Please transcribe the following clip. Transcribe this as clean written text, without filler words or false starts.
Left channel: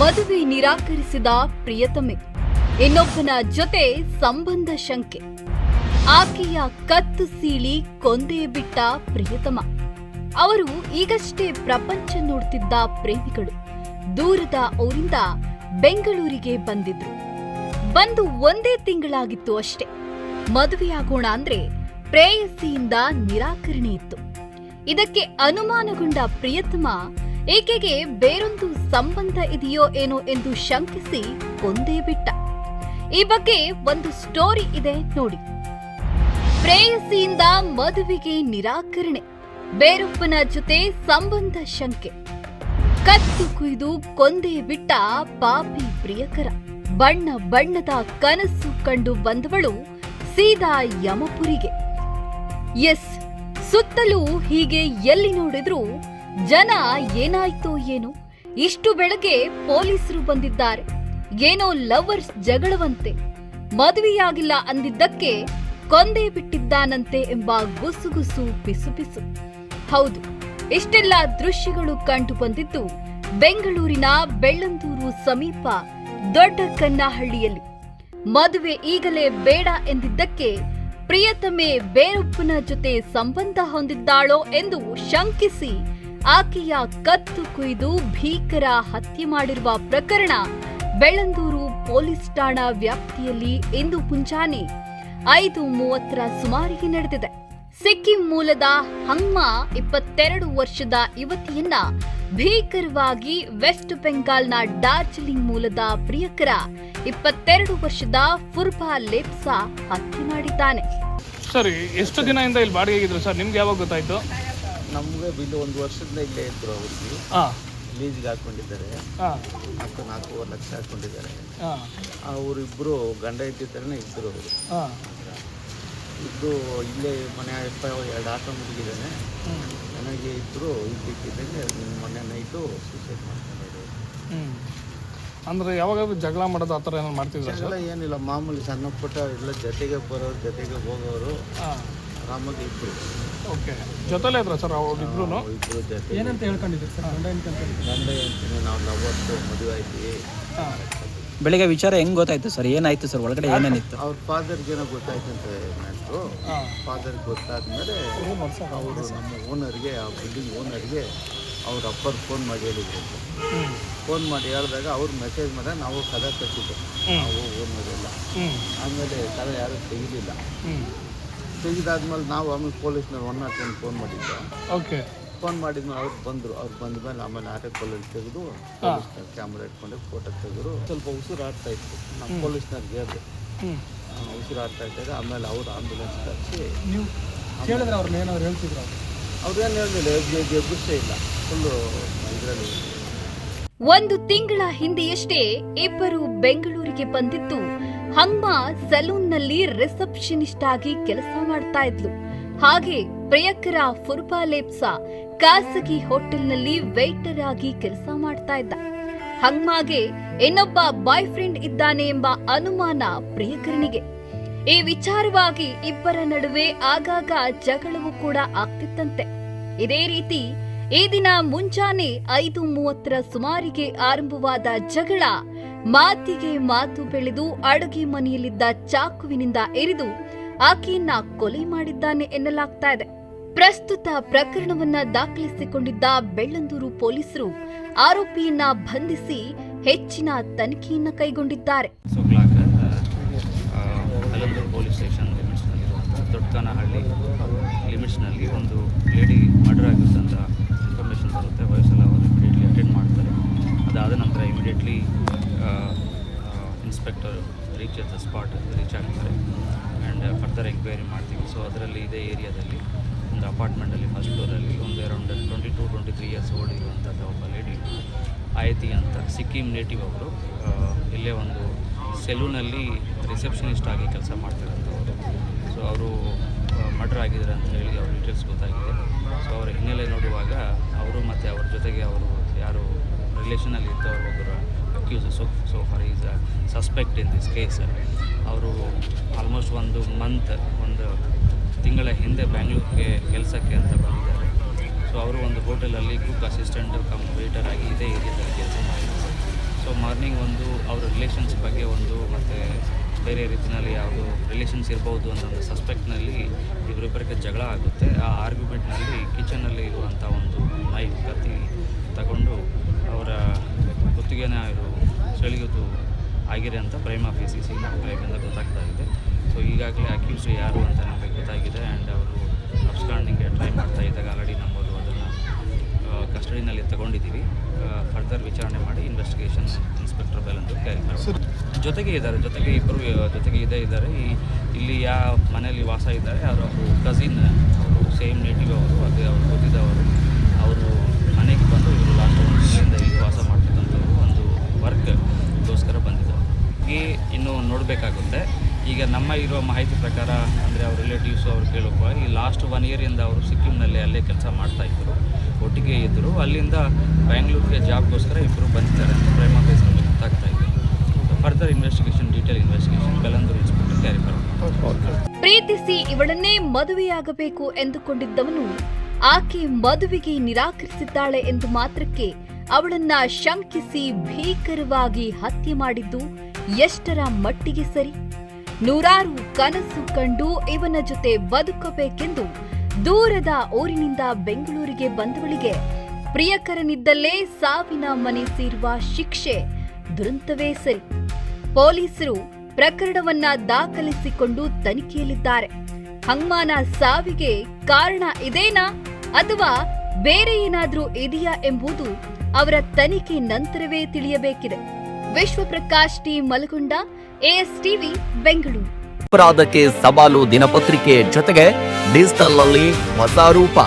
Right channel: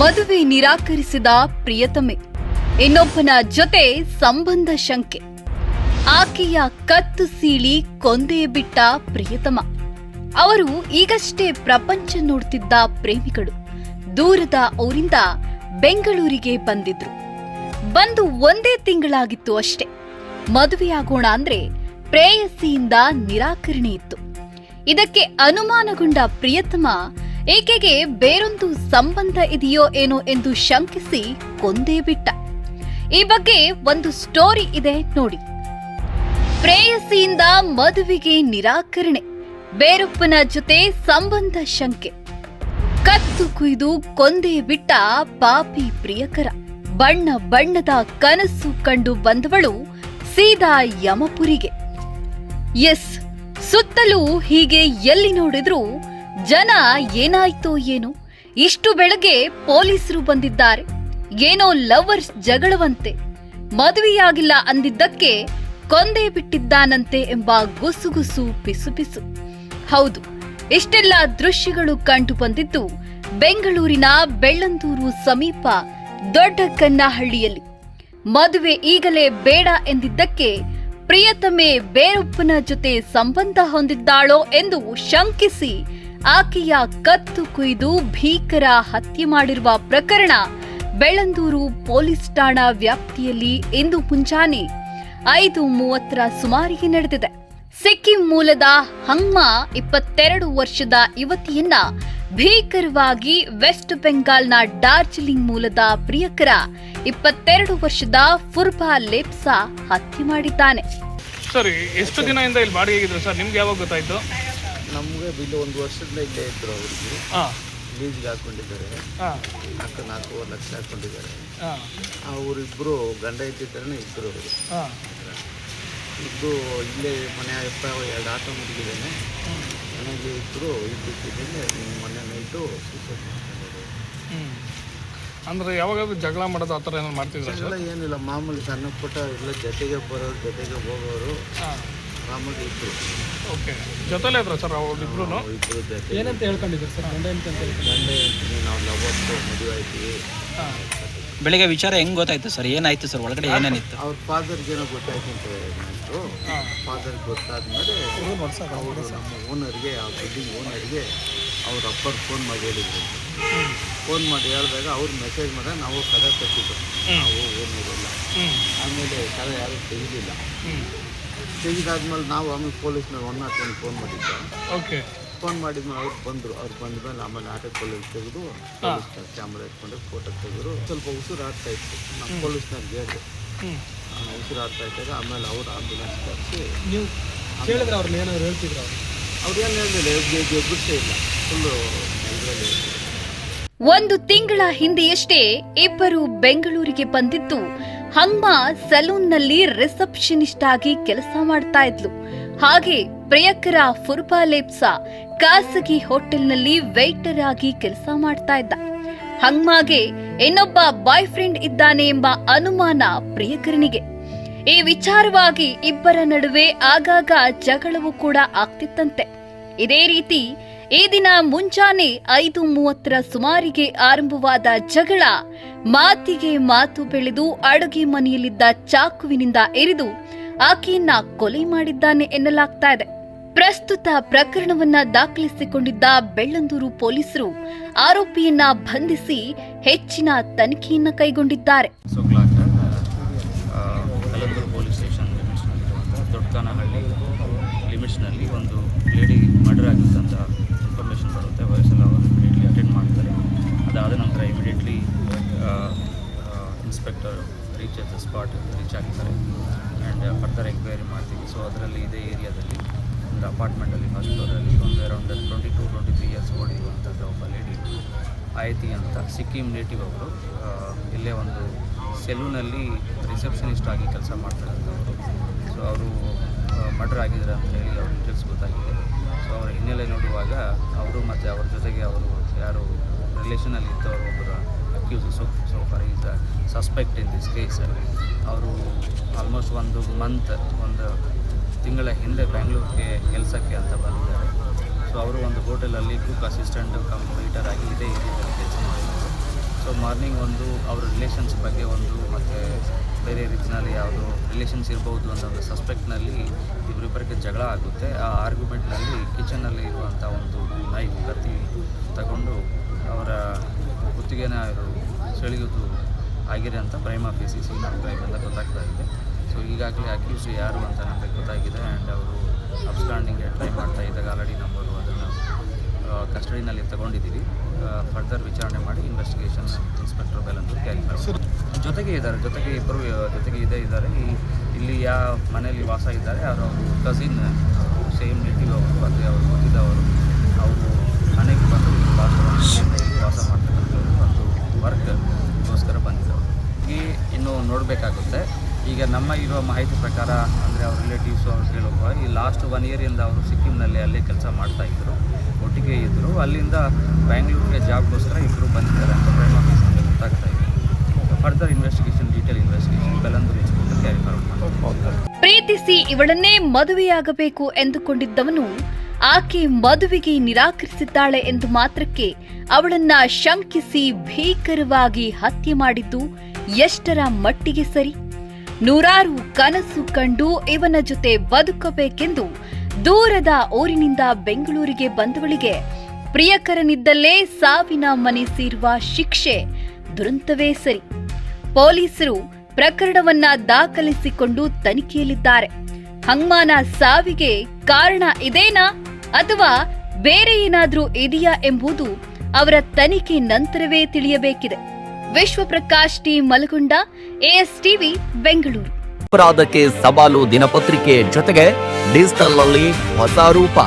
ಮದುವೆ ನಿರಾಕರಿಸಿದ ಪ್ರಿಯತಮೆ, ಇನ್ನೊಬ್ಬನ ಜೊತೆ ಸಂಬಂಧ ಶಂಕೆ. ಆಕೆಯ ಕತ್ತು ಸೀಳಿ ಕೊಂದೇ ಬಿಟ್ಟ ಪ್ರಿಯತಮ. ಅವರು ಈಗಷ್ಟೇ ಪ್ರಪಂಚ ನೋಡ್ತಿದ್ದ ಪ್ರೇಮಿಗಳು ದೂರದ ಊರಿಂದ ಬೆಂಗಳೂರಿಗೆ ಬಂದಿದ್ರು. ಬಂದು ಒಂದೇ ತಿಂಗಳಾಗಿತ್ತು ಅಷ್ಟೇ. ಮದುವೆಯಾಗೋಣ ಅಂದ್ರೆ ಪ್ರೇಯಸಿಯಿಂದ ನಿರಾಕರಣೆ ಇತ್ತು. ಇದಕ್ಕೆ ಅನುಮಾನಗೊಂಡ ಪ್ರಿಯತಮ ಈಕೆಗೆ ಬೇರೊಂದು ಸಂಬಂಧ ಇದೆಯೋ ಏನೋ ಎಂದು ಶಂಕಿಸಿ ಕೊಂದೇ ಬಿಟ್ಟ. ಈ ಬಗ್ಗೆ ಒಂದು ಸ್ಟೋರಿ ಇದೆ ನೋಡಿ. ಪ್ರೇಯಸಿಯಿಂದ ಮದುವೆಗೆ ನಿರಾಕರಣೆ, ಬೇರೊಬ್ಬನ ಜೊತೆ ಸಂಬಂಧ ಶಂಕೆ, ಕತ್ತು ಕುಯ್ದು ಕೊಂದೇ ಬಿಟ್ಟ ಪಾಪಿ ಪ್ರಿಯಕರ. ಬಣ್ಣ ಬಣ್ಣದ ಕನಸು ಕಂಡು ಬಂದವಳು ಸೀದಾ ಯಮಪುರಿಗೆ. ಎಸ್, ಸುತ್ತಲೂ ಹೀಗೆ ಎಲ್ಲಿ ನೋಡಿದ್ರೂ ಜನ ಏನಾಯ್ತೋ ಏನೋ, ಇಷ್ಟು ಬೆಳಗ್ಗೆ ಪೊಲೀಸರು ಬಂದಿದ್ದಾರೆ, ಏನೋ ಲವರ್ಸ್ ಜಗಳವಂತೆ, ಮದುವೆಯಾಗಿಲ್ಲ ಅಂದಿದ್ದಕ್ಕೆ ಕೊಂದೇ ಬಿಟ್ಟಿದ್ದಾನಂತೆ ಎಂಬ ಗುಸುಗುಸು ಪಿಸುಪಿಸು. ಹೌದು, ಇಷ್ಟೆಲ್ಲ ದೃಶ್ಯಗಳು ಕಂಡು ಬಂದಿದ್ದು ಬೆಂಗಳೂರಿನ ಬೆಳ್ಳಂದೂರು ಸಮೀಪ ದೊಡ್ಡಕನ್ನಹಳ್ಳಿಯಲ್ಲಿ. ಮದುವೆ ಈಗಲೇ ಬೇಡ ಎಂದಿದ್ದಕ್ಕೆ ಪ್ರಿಯತಮೆ ಬೇರೊಬ್ಬನ ಜೊತೆ ಸಂಬಂಧ ಹೊಂದಿದ್ದಾಳೋ ಎಂದು ಶಂಕಿಸಿ ಆಕೆಯ ಕತ್ತು ಕುಯ್ದು ಭೀಕರ ಹತ್ಯೆ ಮಾಡಿರುವ ಪ್ರಕರಣ ಬೆಳ್ಳಂದೂರು ಪೊಲೀಸ್ ಠಾಣಾ ವ್ಯಾಪ್ತಿಯಲ್ಲಿ ಇಂದು ಮುಂಜಾನೆ 5:30 ಸುಮಾರಿಗೆ ನಡೆದಿದೆ. ಸಿಕ್ಕಿಂ ಮೂಲದ ಹಂಗ್ಮ 22 ವರ್ಷದ ಯುವತಿಯನ್ನ ಭೀಕರವಾಗಿ ವೆಸ್ಟ್ ಬೆಂಗಾಲ್ನ ಡಾರ್ಜಿಲಿಂಗ್ ಮೂಲದ ಪ್ರಿಯಕರ 22 ವರ್ಷದ ಫುರ್ಬಾ ಲೇಪ್ಸಾ ಹತ್ಯೆ ಮಾಡಿದ್ದಾನೆ. ಸರ್, ಎಷ್ಟು ದಿನದಿಂದ ಇಲ್ಲಿ ಬಾಡಿಗೆ ಸರ್? ನಿಮ್ಗೆ ಯಾವಾಗ ಗೊತ್ತಾಯ್ತು? ನಮಗೆ ಇಲ್ಲಿ 1 ವರ್ಷದಿಂದ ಇಲ್ಲೇ ಇದ್ರು. ಅವ್ರಿಗೆ ಲೀಸ್ಗೆ ಹಾಕೊಂಡಿದ್ದಾರೆ, 4.5 ಲಕ್ಷ ಹಾಕೊಂಡಿದ್ದಾರೆ. ಅವರಿಬ್ಬರು ಗಂಡ ಇದ್ದಿದ್ದಾರೇ ಇದ್ದರು. ಅವರು ಇದ್ದು ಇಲ್ಲೇ ಮನೆ 2 ಆಟೋ ಮುಗಿದಿದ್ದೇನೆ. ನನಗೆ ಇಬ್ಬರು ಇದ್ದಿದ್ದೇನೆ. ಮೊನ್ನೆ ನೈಟು ಸೂಸೈಡ್ ಮಾಡ್ಕೊಂಡಿದ್ರು. ಅಂದರೆ ಯಾವಾಗಾದ್ರೂ ಜಗಳ ಮಾಡೋದು ಆ ಥರ ಏನಾದ್ರು ಮಾಡ್ತಿದ್ರು? ಜಗಳ ಏನಿಲ್ಲ, ಮಾಮೂಲಿ ಸಣ್ಣ ಪುಟ್ಟ ಎಲ್ಲ ಜೊತೆಗೆ ಬರೋರು, ಜೊತೆಗೆ ಹೋಗೋರು, ಆರಾಮಾಗಿ ಇದ್ರು. ಓಕೆ, ಜೊತೆಲೇ ಇದ್ರು ಸರ್ ಇಬ್ಬರು? ಇಬ್ಬರು ಜೊತೆ. ಏನಂತ ಹೇಳ್ಕೊಂಡಿದ್ರು ಸರ್? ಗಂಡ ಹೆಂಡ್ತೀನಿ, ನಾವು ಲವರ್ಸು, ಮದುವೆ ಆಯ್ತೀವಿ. ಬೆಳಿಗ್ಗೆ ವಿಚಾರ ಹೆಂಗ್ ಗೊತ್ತಾಯ್ತು ಸರ್? ಏನಾಯ್ತು ಸರ್? ಒಳಗಡೆ ಏನೇನಿತ್ತು? ಅವ್ರ ಫಾದರ್ಗೆ ಏನೋ ಗೊತ್ತಾಯ್ತು ಅಂತ ಮ್ಯಾಟ್ರು. ಫಾದರ್ಗೆ ಗೊತ್ತಾದ್ಮೇಲೆ ಅವರು ನಮ್ಮ ಓನರ್ಗೆ, ಆ ಬಿಲ್ಡಿಂಗ್ ಓನರ್ಗೆ ಅವ್ರ ಅಪ್ಪರು ಫೋನ್ ಮಾಡಿ ಹೇಳಿದ್ರು. ಫೋನ್ ಮಾಡಿ ಹೇಳಿದಾಗ ಅವ್ರು ಮೆಸೇಜ್ ಮಾಡಿದಾಗ ನಾವು ಕದ ತಟ್ಟಿದ್ದು, ನಾವು ಓನರೆಲ್ಲ. ಆಮೇಲೆ ಕದ ಯಾರು ತೆಗಿಲಿಲ್ಲ. ತೆಗೆದಾದ್ಮೇಲೆ ನಾವು ಆಮೇಲೆ ಪೊಲೀಸ್ನವ್ರು 101 ಫೋನ್ ಮಾಡಿದ್ದು. ಓಕೆ, ಫೋನ್ ಮಾಡಿದ್ಮೇಲೆ ಅವ್ರು ಬಂದರು. ಅವ್ರು ಬಂದಮೇಲೆ ಆಮೇಲೆ ಆಟೋಕೊಳ್ಳಲ್ಲಿ ತೆಗೆದು ಪೊಲೀಸ್ನ ಕ್ಯಾಮ್ರಾ ಇಟ್ಕೊಂಡು ಫೋಟೋ ತೆಗೆದ್ರು. ಸ್ವಲ್ಪ ಉಸಿರಾಡ್ತಾ ಇತ್ತು. ನಮ್ಮ ಪೊಲೀಸ್ನವ್ರಿಗೆ ಹೇಳಿದೆ ಉಸಿರಾಡ್ತಾ ಇದ್ದಾಗ. ಆಮೇಲೆ ಅವ್ರು ಆಂಬುಲೆನ್ಸ್ ತರಿಸಿ. ನೀವು ಕೇಳಿದ್ರೆ ಅವ್ರನ್ನ ಏನಾದ್ರು ಹೇಳ್ತಿದ್ರು? ಅವ್ರೇನು ಹೇಳಿಲ್ಲ, ಎಬ್ಬರಿಸೇ ಇಲ್ಲ. ಫುಲ್ಲು ಇದರಲ್ಲಿ. 1 ತಿಂಗಳ ಹಿಂದೆಯಷ್ಟೇ ಇಬ್ಬರು ಬೆಂಗಳೂರಿಗೆ ಬಂದಿದ್ದು ಹಂಗ್ಮ ಸಲೂನ್ನಲ್ಲಿ ರಿಸೆಪ್ಷನಿಸ್ಟ್ ಆಗಿ ಕೆಲಸ ಮಾಡ್ತಾ ಇದ್ಲು. ಹಾಗೆ ಪ್ರಿಯಕರ ಫುರ್ಬಾ ಲೇಪ್ಸಾ ಖಾಸಗಿ ಹೋಟೆಲ್ನಲ್ಲಿ ವೇಟರ್ ಆಗಿ ಕೆಲಸ ಮಾಡ್ತಾ ಇದ್ದ. ಹಂಗ್ಮಾಗೆ ಇನ್ನೊಬ್ಬ ಬಾಯ್ ಫ್ರೆಂಡ್ ಇದ್ದಾನೆ ಎಂಬ ಅನುಮಾನ ಪ್ರಿಯಕರನಿಗೆ. ಈ ವಿಚಾರವಾಗಿ ಇಬ್ಬರ ನಡುವೆ ಆಗಾಗ ಜಗಳವೂ ಕೂಡ ಆಗ್ತಿತ್ತಂತೆ. ಇದೇ ರೀತಿ ಈ ದಿನ ಮುಂಜಾನೆ 5:30 ಸುಮಾರಿಗೆ ಆರಂಭವಾದ ಜಗಳ ಮಾತಿಗೆ ಮಾತು ಬೆಳೆದು ಅಡುಗೆ ಮನೆಯಲ್ಲಿದ್ದ ಚಾಕುವಿನಿಂದ ಇರಿದು ಆಕೆಯನ್ನ ಕೊಲೆ ಮಾಡಿದ್ದಾನೆ ಎನ್ನಲಾಗ್ತಾ ಇದೆ. ಪ್ರಸ್ತುತ ಪ್ರಕರಣವನ್ನ ದಾಖಲಿಸಿಕೊಂಡಿದ್ದ ಬೆಳ್ಳಂದೂರು ಪೊಲೀಸರು ಆರೋಪಿಯನ್ನ ಬಂಧಿಸಿ ಹೆಚ್ಚಿನ ತನಿಖೆಯನ್ನ ಕೈಗೊಂಡಿದ್ದಾರೆ. ಬೆಳ್ಳಂದೂರು ಪೊಲೀಸ್ ಸ್ಟೇಷನ್ ಲಿಮಿಟ್ಸ್ನಲ್ಲಿರುವಂಥ ದೊಡ್ಡಕನ್ನಹಳ್ಳಿ ಲಿಮಿಟ್ಸ್ನಲ್ಲಿ ಒಂದು ಲೇಡಿ ಮರ್ಡರ್ ಆಗಿರುತ್ತಂತ ಇನ್ಫಾರ್ಮೇಷನ್ ಬರುತ್ತೆ. ವಯಸ್ಸೆಲ್ಲ ಅವರು ಇಮಿಡಿಯೇಟ್ಲಿ ಅಟೆಂಡ್ ಮಾಡ್ತಾರೆ. ಅದಾದ ನಂತರ ಇಮಿಡಿಯೇಟ್ಲಿ ಇನ್ಸ್ಪೆಕ್ಟರ್ ರೀಚ್ ಆಗ್ತಾರೆ ಆ್ಯಂಡ್ ಫರ್ದರ್ ಎಂಕ್ವೈರಿ ಮಾಡ್ತೀವಿ. ಸೊ ಅದರಲ್ಲಿ ಇದೇ ಏರಿಯಾದಲ್ಲಿ ಒಂದು ಅಪಾರ್ಟ್ಮೆಂಟಲ್ಲಿ ಫಸ್ಟ್ ಫ್ಲೋರಲ್ಲಿ ಒಂದು ಅರೌಂಡ್ 22-23 ಇಯರ್ಸ್ ಓಲ್ಡ್ ಇರುವಂಥ ಒಬ್ಬ ಲೇಡಿ ಆಯತಿ ಅಂತ ಸಿಕ್ಕಿಂ ನೇಟಿವ್ ಅವರು ಇಲ್ಲೇ ಒಂದು ಸೆಲೂನಲ್ಲಿ ರಿಸೆಪ್ಷನಿಸ್ಟ್ ಆಗಿ ಕೆಲಸ ಮಾಡ್ತಾರಂಥವರು. ಸೊ ಅವರು ಮರ್ಡರ್ ಆಗಿದ್ದಾರೆ ಅಂತ ಹೇಳಿ ಅವ್ರ ಡೀಟೇಲ್ಸ್ ಗೊತ್ತಾಗಿದೆ. ಸೊ ಅವರ ಹಿನ್ನೆಲೆ ನೋಡುವಾಗ ಅವರು ಮತ್ತು ಅವ್ರ ಜೊತೆಗೆ ಅವರು ಯಾರು ರಿಲೇಷನಲ್ಲಿ ಇದ್ದವರು ಒಬ್ಬರು accused so far is a suspect in this case. ಅವರು ಆಲ್ಮೋಸ್ಟ್ ಒಂದು ತಿಂಗಳ ಹಿಂದೆ ಬ್ಯಾಂಗ್ಳೂರಿಗೆ ಕೆಲಸಕ್ಕೆ ಅಂತ ಬಂದಿದ್ದಾರೆ. ಸೊ ಅವರು ಒಂದು ಹೋಟೆಲಲ್ಲಿ ಕುಕ್ ಅಸಿಸ್ಟೆಂಟ್ ಕಮ್ ವೇಟರ್ ಆಗಿ ಇದೇ ಏರಿಯಾದಲ್ಲಿ ಕೆಲಸ ಮಾಡಿದ್ದಾರೆ. ಸೊ ಮಾರ್ನಿಂಗ್ ಒಂದು ಅವರ ರಿಲೇಷನ್ಸ್ ಬಗ್ಗೆ ಒಂದು ಮತ್ತು ಬೇರೆ ರೀತಿಯಲ್ಲಿ ಯಾವುದು ರಿಲೇಷನ್ಸ್ ಇರ್ಬೋದು ಅನ್ನೋ ಒಂದು ಸಸ್ಪೆಕ್ಟ್ನಲ್ಲಿ ಇವರಿಬ್ಬರಿಗೆ ಜಗಳ ಆಗುತ್ತೆ. ಆ ಆರ್ಗ್ಯುಮೆಂಟ್ನಲ್ಲಿ ಕಿಚನಲ್ಲಿ ಇರುವಂಥ ಒಂದು ನೈಫ್ ಕತ್ತಿ ತಗೊಂಡು ಅವರ ಕುತ್ತಿಗೆನ ಇವರು ಸೆಳೆಯೋದು ಆಗಿದೆ ಅಂತ ಪ್ರೈಮ್ ಆಫೀಸಿಸಿ ನಾವು ಕ್ರೈಮಿಂದ ಗೊತ್ತಾಗ್ತಾ ಇದೆ. ಸೊ ಈಗಾಗಲೇ ಅಕ್ಯೂಸ್ ಯಾರು ಅಂತ ನಮಗೆ ಗೊತ್ತಾಗಿದೆ. ಆ್ಯಂಡ್ ಅವರು ಅಬ್ಸ್ಕಾಂಡಿಂಗ್ಗೆ ಟ್ರೈ ಮಾಡ್ತಾ ಇದ್ದಾಗ ಆಲ್ರೆಡಿ ನಮ್ಮವರು ಅದನ್ನು ಕಸ್ಟಡಿನಲ್ಲಿ ತಗೊಂಡಿದ್ದೀವಿ. ಫರ್ದರ್ ವಿಚಾರಣೆ ಮಾಡಿ ಇನ್ವೆಸ್ಟಿಗೇಷನ್ ಇನ್ಸ್ಪೆಕ್ಟರ್ ಬೆಲಂದೂರು ಕ್ಯಾರಿ ಮಾಡ್ತಾರೆ. ಜೊತೆಗೆ ಇಬ್ಬರು ಜೊತೆಗೆ ಇದ್ದಾರೆ. ಇಲ್ಲಿ ಯಾವ ಮನೆಯಲ್ಲಿ ವಾಸ ಇದ್ದಾರೆ ಅವರು ಕಸಿನ್, ಸೇಮ್ ನೇಟಿವ್ ಅವರು, ಅದೇ ಅವ್ರು ಗೊತ್ತಿದ್ದವರು. ಅವರು ಮನೆಗೆ ಬಂದು ಇವರು ಲಾಸ್ಟ್ ವರ್ಷದಿಂದ ಇಲ್ಲಿ ವಾಸ ಮಾಡ್ತಕ್ಕಂಥವ್ರು, ಒಂದು ವರ್ಕ್ಗೋಸ್ಕರ ಬಂದಿದ್ದವರು. ಇನ್ನೂ ನೋಡಬೇಕಾಗುತ್ತೆ. ಈಗ ನಮ್ಮ ಇರುವ ಮಾಹಿತಿ ಪ್ರಕಾರ ಅಂದರೆ ಅವ್ರ ರಿಲೇಟಿವ್ಸು ಅವ್ರು ಕೇಳೋಕೆ ಈ ಲಾಸ್ಟ್ 1 ಇಯರಿಂದ ಅವರು ಸಿಕ್ಕಿಂನಲ್ಲಿ ಅಲ್ಲೇ ಕೆಲಸ ಮಾಡ್ತಾಯಿದ್ರು, ಒಟ್ಟಿಗೆ ಇದ್ದರು. ಅಲ್ಲಿಂದ ಬ್ಯಾಂಗ್ಳೂರಿಗೆ ಜಾಬ್ಗೋಸ್ಕರ ಇಬ್ಬರು ಬಂದಿದ್ದಾರೆ ಅಂತ ಪ್ರೈಮ್ ಆಫೀಸಲ್ಲಿ ಗೊತ್ತಾಗ್ತಾ ಇದೆ. Further investigation, detail investigation Bellandur inspector carry forward ಮಾಡ್ತಾರೆ. ಪ್ರೀತಿಸಿ ಇವಳನ್ನೇ ಮದುವೆಯಾಗಬೇಕು ಎಂದುಕೊಂಡಿದ್ದವನು ಆಕೆ ಮದುವೆಗೆ ನಿರಾಕರಿಸಿದ್ದಾಳೆ ಎಂದು ಮಾತ್ರಕ್ಕೆ ಅವಳನ್ನ ಶಂಕಿಸಿ ಭೀಕರವಾಗಿ ಹತ್ಯೆ ಮಾಡಿದ್ದು ಎಷ್ಟರ ಮಟ್ಟಿಗೆ ಸರಿ? ನೂರಾರು ಕನಸು ಕಂಡು ಇವನ ಜೊತೆ ಬದುಕಬೇಕೆಂದು ದೂರದ ಊರಿನಿಂದ ಬೆಂಗಳೂರಿಗೆ ಬಂದವಳಿಗೆ ಪ್ರಿಯಕರನಿದ್ದಲ್ಲೇ ಸಾವಿನ ಮನೆ ಸೇರುವ ಶಿಕ್ಷೆ ದುರಂತವೇ ಸರಿ. ಪೊಲೀಸರು ಪ್ರಕರಣವನ್ನ ದಾಖಲಿಸಿಕೊಂಡು ತನಿಖೆಯಲ್ಲಿದ್ದಾರೆ. ಹಂಗ್ಮಾನ ಸಾವಿಗೆ ಕಾರಣ ಇದೇನಾ ಅಥವಾ ಬೇರೆ ಏನಾದ್ರೂ ಇದೆಯಾ ಎಂಬುದು ಅವರ ತನಿಖೆ ನಂತರವೇ ತಿಳಿಯಬೇಕಿದೆ. Vishwaprakash T ಮಲಗುಂಡ, ASTV Bengaluru. ಅಪರಾಧಕ್ಕೆ ಸವಾಲು ದಿನಪತ್ರಿಕೆ ಜೊತೆಗೆ ಡಿಜಿಟಲ್ ನಲ್ಲಿ ಹೊಸ ರೂಪ